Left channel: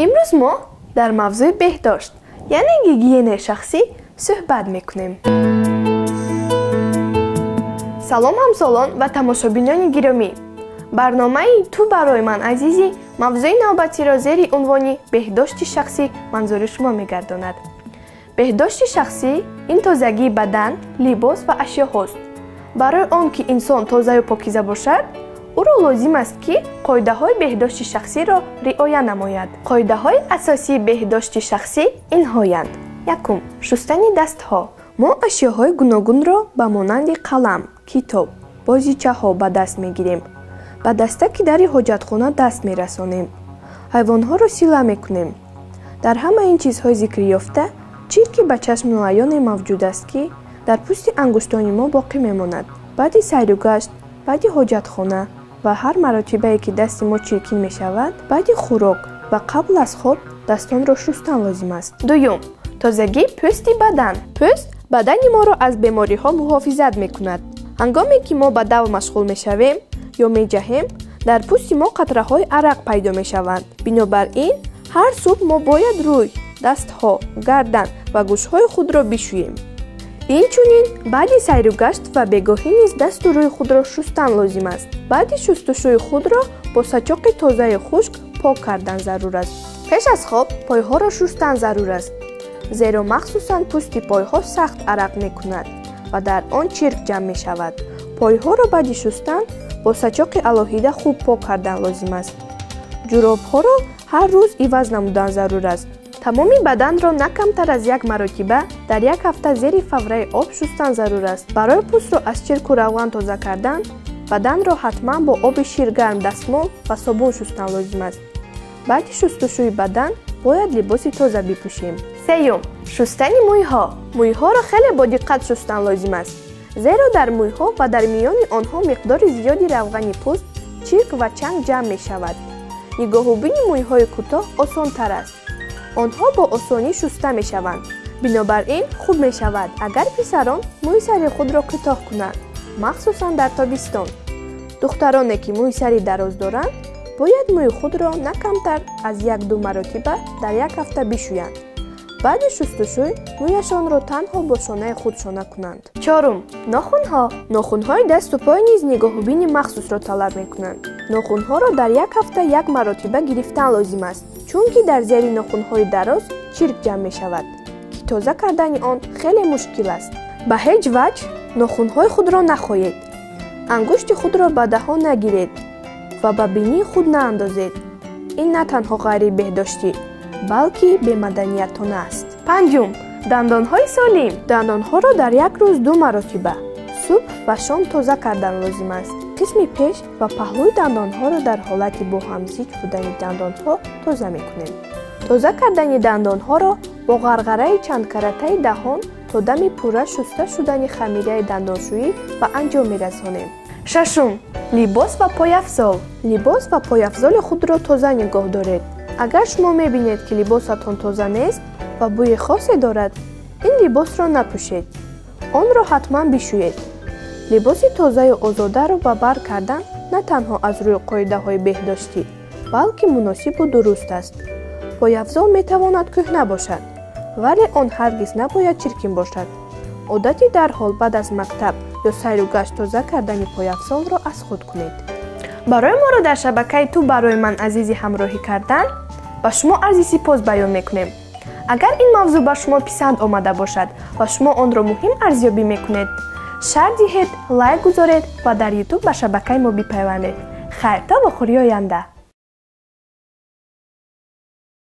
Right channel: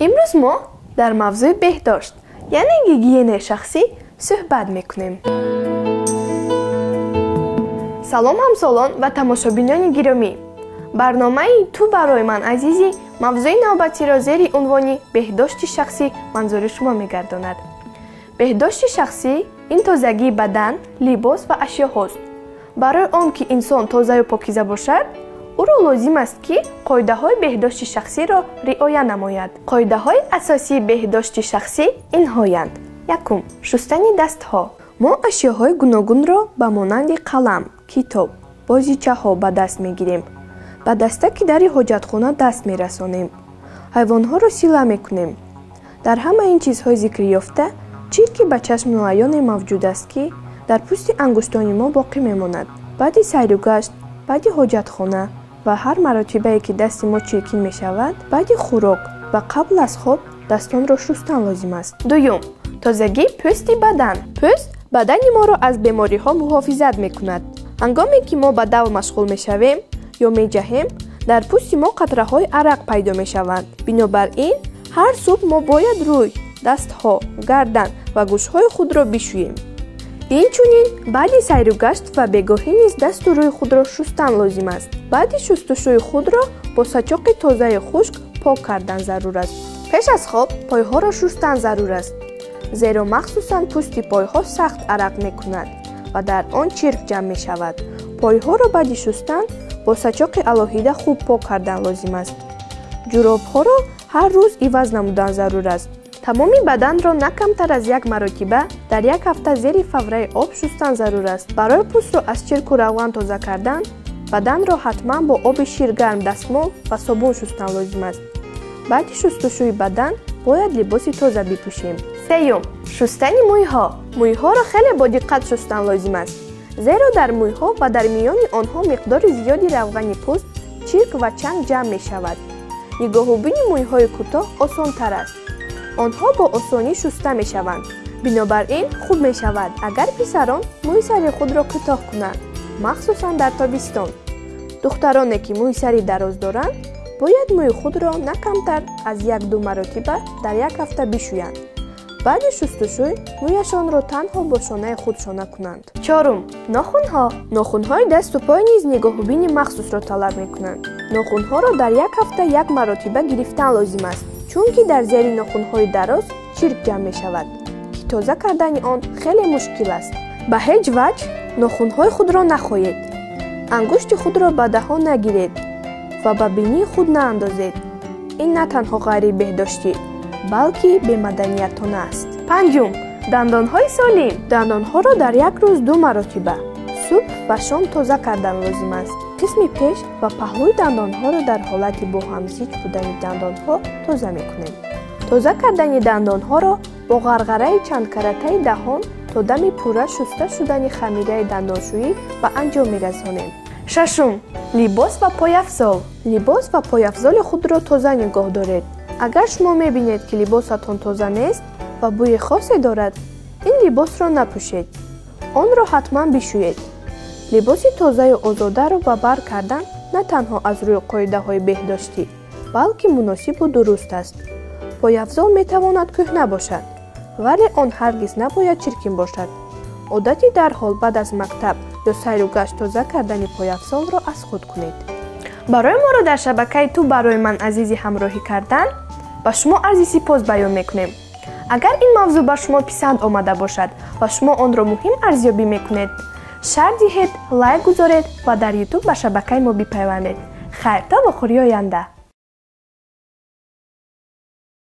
امروز ما در موضوع بهداشت یعنی گیگین شخصی صحبت میکنیم. سلام همسالان و تماشابینان گرامی. برنامه تو برای من عزیزی موضوع نوبتی را زیر عنوان بهداشت شخصی منظور شما میگرداند. بهداشت شخصی این تازگی بدن، لباس و اشیا هاست. برای آنکه انسان تازه و پاکیزه باشد، او را لازم است که قاعده های بهداشت شخصی را رعایت نماید. قاعده های اساسی بهداشت شخصی اینهایند. یکم، شستن دست ها. ما اشیاهای گوناگون را به مانند قلم، کتاب، بازیچه ها به دست میگیریم. به دستک در حاجتخانه دست میرسانیم. حیوان ها را سیله میکنیم. در همه این چیزهای ذکر یافته چیزی به چشم معین موجود است که در پوست انگشتان ما باقی میماند. بعد سیر و گشت، بعد حاجتخانه و هر مرتبه‌ای که دست ما چرکین می شود، بعد خوراک و قبل از خواب دستان را شستن لازم است. دوم، تازگی پوست بدن. پوست بدن ما را از بیماری ها محافظت می کند. هنگامی که ما به دو مشغول می شویم یا می جهیم، در پوست ما قطره های عرق پیدا می شوند. بنابراین هر صبح ما باید روی، دست ها، گردن و گوش های خود را بشوییم. اینچنین بعد سیر و گشت و بگاهی نیز دست و روی خود را شستن لازم است. بعد شستشوی خود را با سچاق تازه خشک پاک کردن ضرور است. پیش از خواب پایها را شستن ضرور است، زیرا مخصوصا پوست پایها سخت عرق می کند و در آن چرک جمع می شود. پایها را بعد شستن با سچاق الهیده خوب پاک کردن لازم است. جوراب ها را هر روز عوض نمودن ضرور است. تمام بدن را نه کمتر از یک مرتبه در یک هفته زیر فوره آب شستن ضرور است. برای پوست را از چرک و روغن تازه کردن، بدن را حتما با آب شیرگرم، دستمال و صابون شستن لازم است. بعد شستشوی بدن باید لباس تازه بپوشیم. سوم، شستن مویها. مویها را خیلی با دقت شستن لازم است، زیرا در مویها و در میان آنها مقدار زیادی روغن پوست، چرک و چنگ جمع می شود. نگاه و بین مویهای کوتاه آسان تر است. آنها با آسانی شسته می شوند. بنابراین خوب می شود اگر پسران موی سری خود را کوتاه کنند، مخصوصا در تابستان. دخترانی که موی سری دراز دارند باید موی خود را نه کمتر از 1-2 مرتبه در یک هفته بشویند. بعد شستشوی مویشان را تنها با شانه خود شانه کنند. چهارم، ناخن‌ها. ناخن‌های دست و پای نیز نگاه و بین مخصوص را طلب می کنند. ناخن‌ها را در یک هفته 1 مرتبه گرفتن لازم است، چون که در زیر ناخن‌های دراز چرک جمع می شود که تازه کردن آن خیلی مشکل است. به هیچ وجه ناخن‌های خود را نخوایید. انگشت خود را به دهان نگیرید و به بینی خود ناندازید. این نه تنها غیر بهداشتی بلکه بی‌مدنیتانه است. پنجم، دندان‌های سالم. دندان‌ها را در یک روز 2 مرتبه صبح و شام تازه کردن لازم است. قسم پیش و پهلوی دندان‌ها را در حالت با همزیج بودن دندان‌ها تازه می‌کنیم. تازه کردن دندان‌ها را با غرغره چند کرته دهان تا دم پوره شسته شدن خمیره دندانشویی و انجام می‌رسانیم. ششم، لباس و پایافزال. لباس و پایافزال خود را تازه نگاه دارید. اگر شما می‌بینید که لباستان تازه نیست و بوی خاصی دارد، این لباس را نپوشید. آن را حتما بشویید. لباس تازه و آزاده را به بر کردن نه تنها از روی قاعده های بهداشتی بلکه مناسب و درست است. پایافزال میتواند کهنه باشد، ولی آن هرگز نباید چرکین باشد. عادتی در حال بعد از مکتب یا سیر و گشت تازه کردن پایافزال را از خود کنید. برای ما را در شبکه تو برای من عزیزی همراهی کردن و شما عرض سپاس بیان میکنیم. اگر این موضوع بر شما پسند آمده باشد و شما آن را مهم ارزیابی میکنید، شیر دهید، لایک گذارید و در یوتیوب به شبکه ما بپیوندید. خیر تا و خوری آینده.